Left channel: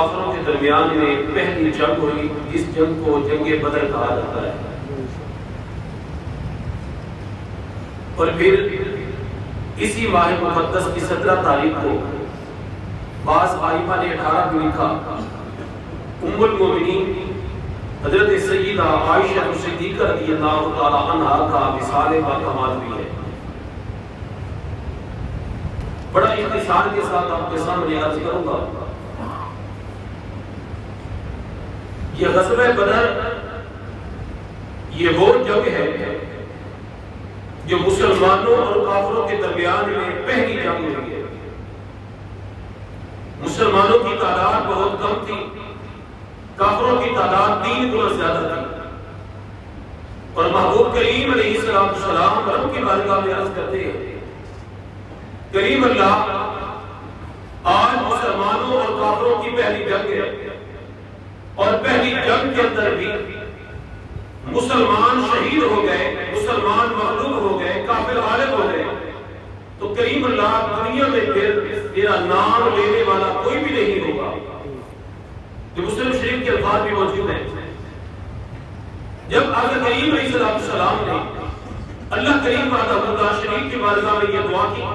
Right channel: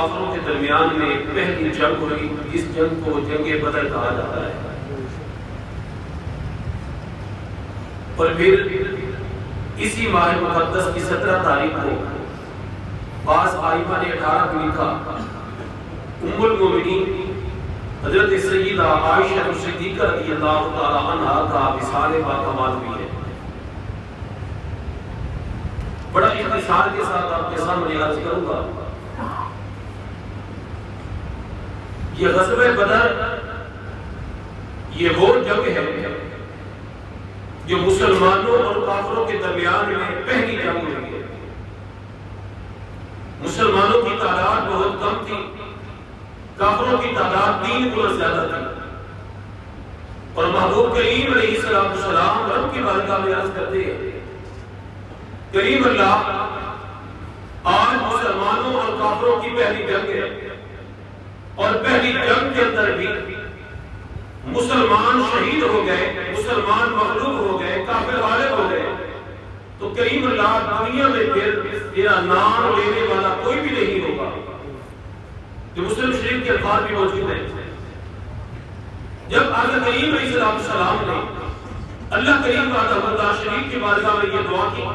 کافروں کے درمیان میں پہلی جنگ ہوئی، اس جنگ کو جنگ بدر کہا جاتا ہے۔ اور پھر اسی ماہ مقدس کی 17 تاریخ کو بعض ائمہ نے 18 کو لکھا، ام المومنین حضرت سیدہ عائشہ صدیقہ رضی اللہ تعالی عنہا کا وصال باکمال بھی ہے۔ بڑا اختصار کے ساتھ آپ کے سامنے عرض کروں گا، یہ غزوہ بدر یہ وہ جنگ ہے جو مسلمانوں اور کافروں کے درمیان میں پہلی جنگ ہوئی ہے۔ مسلمانوں کی تعداد بہت کم تھی، کافروں کی تعداد 3 گنا زیادہ تھی، اور محبوب کریم علیہ السلام رب کی بارگاہ میں عرض کرتے ہیں، کریم اللہ آج مسلمانوں اور کافروں کی پہلی جنگ ہے، اور پہلی جنگ کے اندر بھی مسلمان شہید ہو گئے، مسلمان مغلوب ہو گئے، کافر غالب ہو گئے، تو کریم اللہ دنیا میں پھر میرا نام لینے والا کوئی بھی نہیں ہوگا۔ یہ مسلم شریف کے الفاظ بھی موجود ہیں۔ جب آقا کریم علیہ السلام نے اللہ کریم وحدہ لا شریک کی بارگاہ میں یہ دعا کی،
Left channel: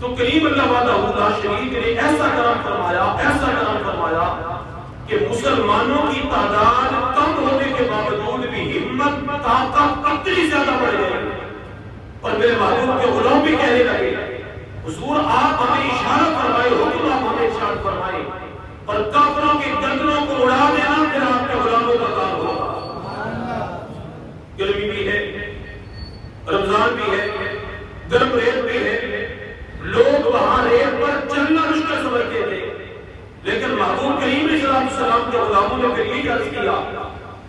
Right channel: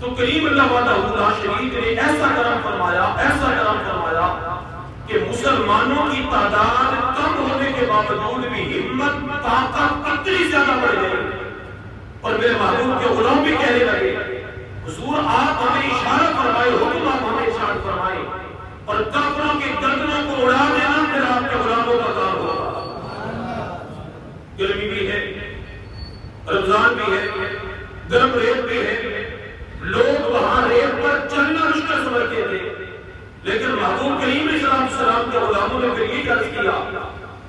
تو کریم اللہ وحدہ لا شریک نے ایسا کرم فرمایا کہ مسلمانوں کی تعداد کم ہونے کے باوجود بھی ہمت طاقت اتنی زیادہ بڑھ گئی، اور میرے محبوب کے غلام بھی کہنے لگے، حضور آپ ہمیں اشارہ فرمائے، حکم آپ ہمیں اشارہ فرمائے، اور کافروں کی گردنوں کو اڑا دینا پھر آپ کے غلاموں کا کام ہوگا۔ گرمی بھی ہے، رمضان بھی ہے، گرم ریت بھی ہے، لوگ وہاں ریت پر چلنا مشکل سمجھتے تھے، لیکن محبوب کریم علیہ السلام کے غلاموں نے پھر یہ عرض کیا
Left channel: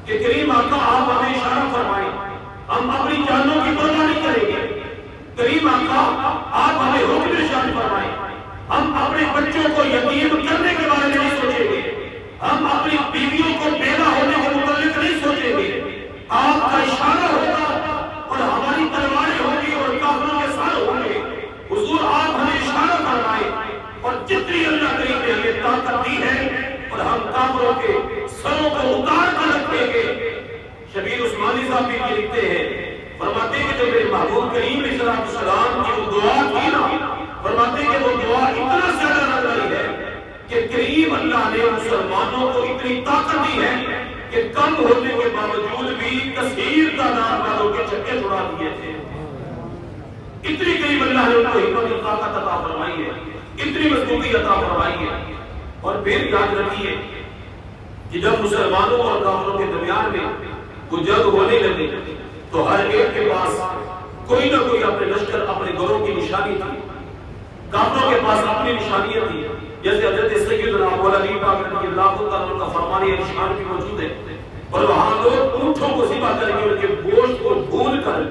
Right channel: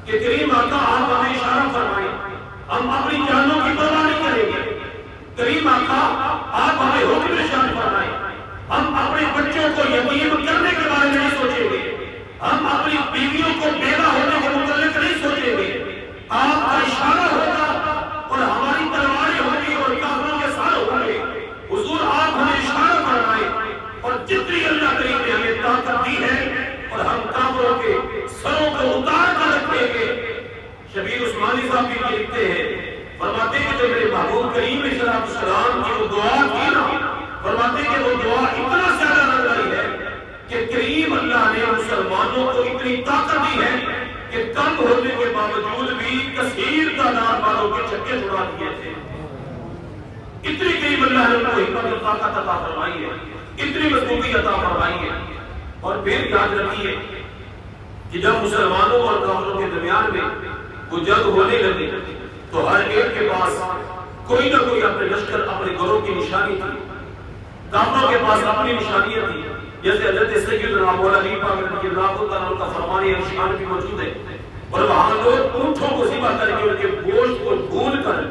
کہ کریم آقا آپ ہمیں اشارہ فرمائیں، ہم اپنی جانوں کی پرواہ نہیں کریں گے، کریم آقا آپ ہمیں حکم ارشاد فرمائیں، ہم اپنے بچوں کو یتیم کرنے کے بارے میں نہیں سوچیں گے، ہم اپنی بیویوں کو بیوہ ہونے کے متعلق نہیں سوچیں گے، آپ کا اشارہ ہوگا اور ہماری تلواریں ہوگی اور کافروں کے سر ہوں گے، حضور آپ ہمیں اشارہ فرمائیں، اور جتنی اللہ کریم نے ہمیں طاقت دی ہے اور ہم کافروں کے سروں کو اتار کر رکھیں گے۔ شبیر عثمانی صاحب بھی لکھتے ہیں، فرماتے ہیں کہ جب میرے محبوب کریم علیہ السلام کی وہ دعا کی نا، فرماتے ہیں کہ وہ دعا اتنا زیادہ نظری ہے کہ کریم اللہ نے مسلمانوں کو اتنی طاقت دی ہے کہ کم ہونے کے باوجود بھی کثیر تعداد والوں کے چکے چھڑا دیے تھے۔ اتنی کریم اللہ نے ان کو حکمت اور طاقت عطا فرمائی ہے، اتنی مضبوطی عطا فرمائی ہے۔ اور پھر یاد رکھیے کہ جب مسلمانوں اور کافروں کے درمیان میں کوئی جنگ ہونے لگی تو ہر ایک کے پاس کوئی نہ کوئی اپنے لشکر، اپنے گروہ کی نشانی تھی، کافروں کے پاس اپنی نشانیاں تھی، جیسے حضرت سیدنا ابو علی پاک رضی اللہ تعالیٰ عنہ کا فرمان نشان بھی موجود ہے، اور وہاں لوگ اونٹوں کو ذبح کر کے ان کے گوشت کو بھون کر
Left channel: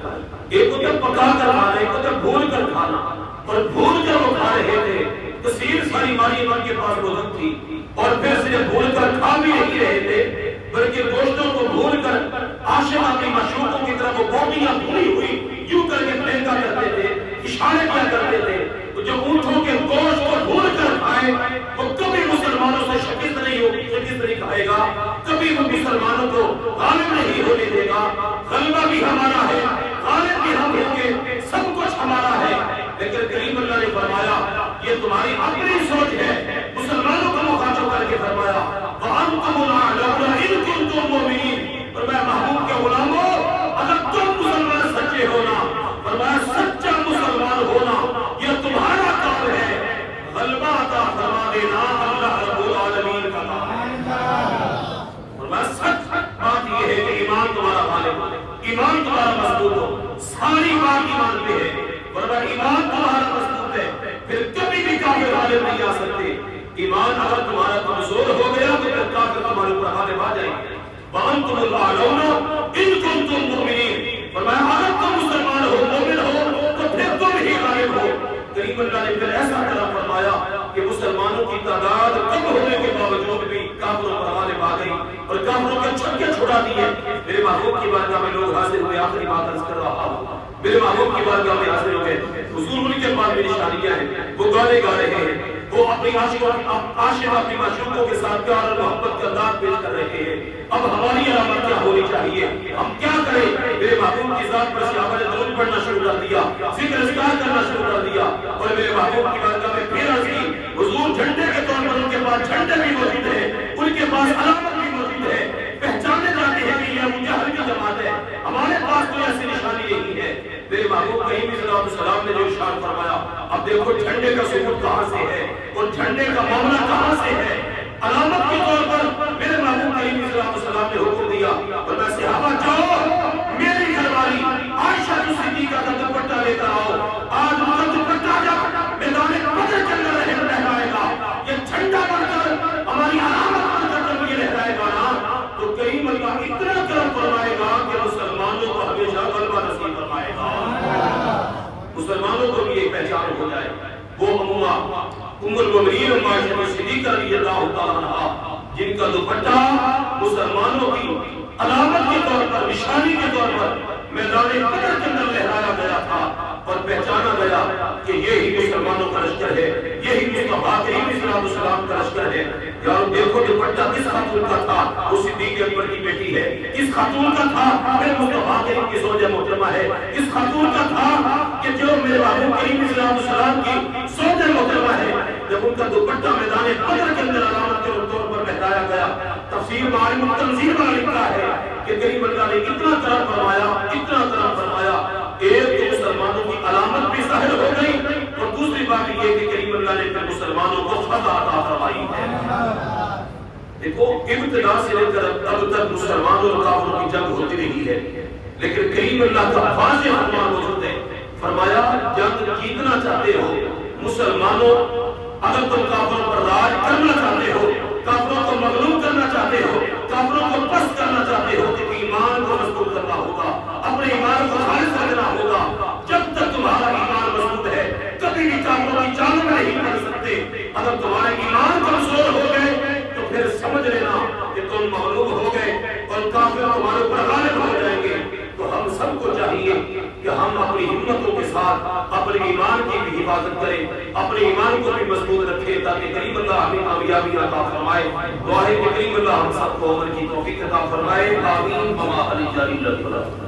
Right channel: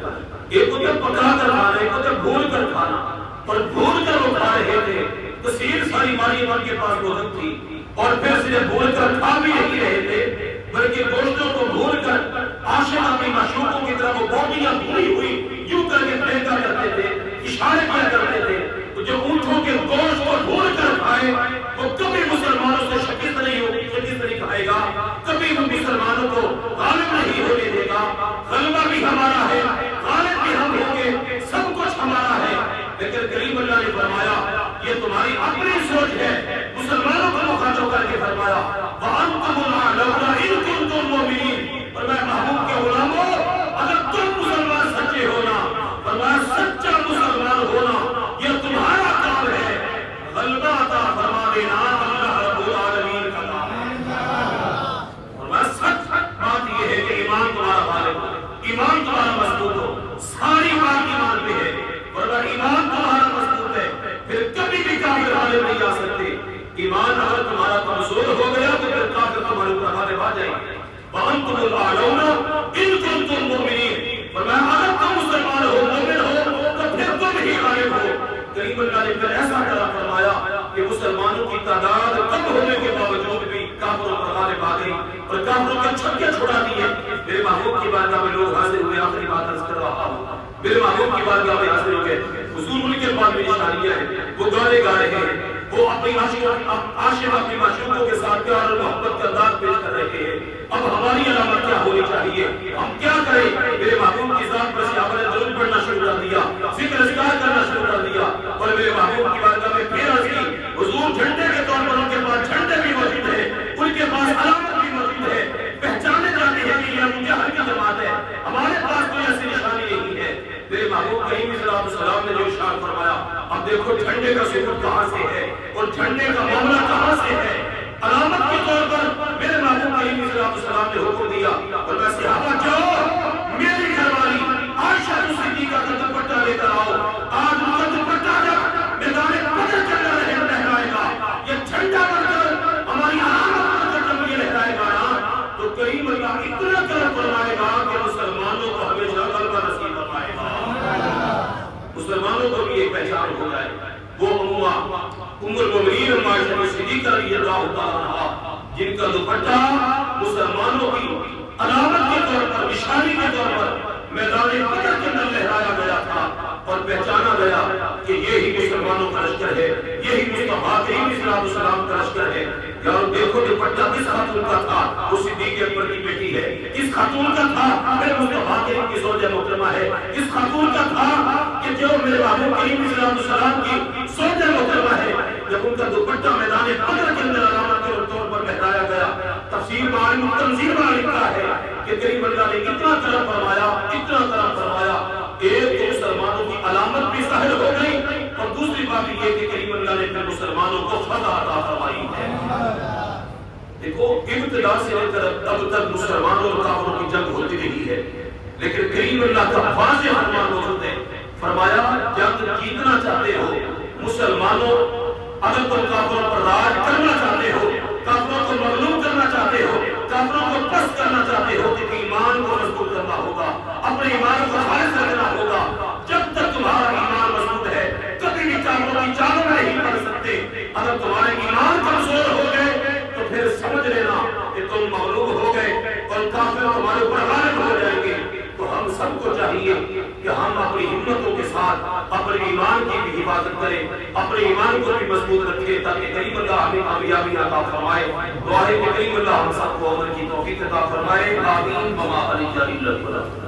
ایک کو پکا کر کھانا، ایک کو بھون کر کھانا، اور بھون کر وہ کھا رہے تھے۔ کثیر ساری مالی ان کے پاس موجود تھی، اور پھر صرف بھون کر کھا بھی نہیں رہے تھے بلکہ گوشتوں کو بھون کر عاشق اپنی معشوقوں کی طرف وہ بوٹیاں بھونی ہوئی یوں کر کے پھینکا کرتے تھے، اشارے کیا کرتے تھے۔ جو اونٹوں کے گوشت کو بھون کر کھائے وہ کبھی مسلمانوں سے شکست نہیں کھائے گا، کبھی وہ مسلمانوں کو غالب نہیں ہونے دے گا۔ غلبہ بھی ہمارا ہے، غالب بھی ہم ہوں گے، سب کچھ ہمارا ہے۔ لیکن کریم اللہ نے فرمایا یہ تمہاری اپنی سوچ ہے، مسلمانوں کو مخاطب کر کے فرمایا وَأَنْتُمُ الْأَعْلَوْنَ إِن كُنتُم مُؤْمِنِينَ، فرمایا محبوب کے غلاموں اگر تم مسلمان سچے ہونا، فرمایا سچا مسلمان ہونا یہ تمہارا کام ہے، غلبہ عطا فرما دینا اللہ رب العالمین کا کام ہے۔ فرمایا سچ بات یہ ہے کہ ایمان تمہارا غالب ہو، ایمان تمہارا مضبوط ہو، ساری بات ایمان پہ ہے، فرمایا ایمان تمہارا مضبوط ہے پھر کبھی بھی کافر غالب نہیں آ سکتے۔ ایمان اگر تمہارا کمزور ہو گیا تو پھر کافر تمہارے اوپر غالب آ جائیں گے۔ وَأَنْتُمُ الْأَعْلَوْنَ إِن كُنتُم مُؤْمِنِينَ، فرمایا اگر تم مسلمان ہو، مومن ہو تو پھر تم ہی غالب ہو۔ کریم اللہ نے پھر ایسا کرم فرمایا کہ مسلمانوں کی تعداد کم ہونے کے باوجود بھی کافروں پر غالب آ گئی اور کافروں کے چھکے چھڑا دیے۔ میرے محبوب کی بارگاہ میں لوگ حاضر ہوئے، آخری بات عرض کر رہا ہوں، میرے محبوب کی بارگاہ میں حاضر ہوئے، حضور ان کے پاس میں نشانیاں ہیں، وہ گانے گا رہے ہیں، وہ اپنی عاشق اپنی معشوقوں کے ساتھ پیار اور محبت کا انداز پیش کر رہے ہیں. اب ہماری علامت کیا ہونی چاہیے؟ ہم کیا کریں؟ میرے محبوب کی ذات پر صحابہ نے درود پڑھنا شروع کر دیا, ذکر اذکار کرنا شروع کر دیا, اور میرے محبوب کی بارگاہ میں پھر عرض کی حضور جھنڈے کے طور پر ان کے پاس جھنڈے بھی موجود ہیں, ان کے پاس علامت بھی موجود ہے, پہچانے جاتے ہیں کہ یہ ابو جہل کی جماعت ہے. ہمارے پاس کوئی ایسی نشانی نہیں ہے. میرے محبوب کریم صلی اللہ علیہ وسلم نے جو ارشاد فرمایا, اب دیکھو جھنڈے کا ثبوت کہاں سے ہے اور جھنڈے کا معاملہ کہاں سے ہے. علامت کے طور پر میرے محبوب کریم صلی اللہ علیہ وسلم نے حکم دیا, اور میں صحابہ جاؤ میری گھر والی عائشہ صدیقہ کا دوپٹہ لے کر آؤ. آج ان کا دوپٹہ جب میدان بدر کے اندر لہرائے گا, یہ جھنڈا بن کر ہماری علامت بن کر جب یہ لہرائے گا نا, تو کریم اللہ اتنا کرم فرمائے گا کہ مسلمانوں کو ہمیشہ غلبہ نصیب فرمائے گا. مسلمانوں کو بھی ایک پہچان ہو جائے. وہ ام المؤمنین عائشہ صدیقہ رضی اللہ تعالیٰ عنہا جن کا دوپٹہ مسلمانوں کی علامت کے طور پر, نشانی کے طور پر میدان بدر کے اندر لہرایا گیا تھا اور پہچانا گیا کہ یہی مسلمانوں کا لشکر ہے, یہی مصطفیٰ کریم صلی اللہ علیہ وسلم کا لشکر ہے. یارو دیکھو دوپٹہ کس خاتون کا تھا, وہ صدیق اکبر کی بیٹی ہے. کس خاتون کا تھا, میرے مصطفیٰ کریم کی زوجہ محترمہ ہے. کس خاتون کا تھا کہ جو میرے محبوب کریم صلی اللہ علیہ وسلم کی زوجہ محترمہ ہے. جب ان کا دوپٹہ میدان بدر کے اندر علامت کے طور پر لہرایا گیا, تفسیر معالم تنزیل میں لکھا ہے کہ کریم اللہ نے اتنا کرم فرمایا, اتنا کرم فرمایا, ایک تو مسلمانوں کی علامت بھی ظاہر ہو گئی, اور دوسری بات یہ کہ کریم اللہ نے پھر مسلمانوں کو فتح عطا فرمائی ہے. دیکھو ابتدا سے لے کر اب تک مسلمانوں اور کافروں کی جنگ ہوتی رہی ہے, لیکن کریم اللہ کا واضح فرمان موجود ہے. فرمایا جنگ جیتنا چاہتے ہو مسلمانوں, اگر تم کافروں پر راج کرنا چاہتے ہو, کافروں کو مغلوب کرنا چاہتے ہو, کافروں کو پست کرنا چاہتے ہو, تو ایمان کو مضبوط کرنا ہوگا, اپنے ایمان کو خالص رکھنا ہوگا. جب تک تمہارا ایمان مضبوط ہے کبھی بھی کافروں کی چالوں میں نہیں پڑ سکتے. اگر تمہارے ایمان کمزور ہو گئے تو پھر سمجھ لینا کہ تم مغلوب ہو گئے اور کافر تمہارے اوپر غالب ہو جائیں گے. تو ہم سب کو چاہیے کہ ہم اپنی ہمتوں کے ساتھ اپنے ایمان کی بھی حفاظت کریں, اپنے ایمان کو بھی مضبوط رکھیں, تاکہ کریم اللہ ہمیں کامیابی عطا فرمائے. دعا ہے کہ کریم اللہ ہم سب کو عمل کی توفیق عطا فرمائے. آمین. وما علینا الا البلاغ.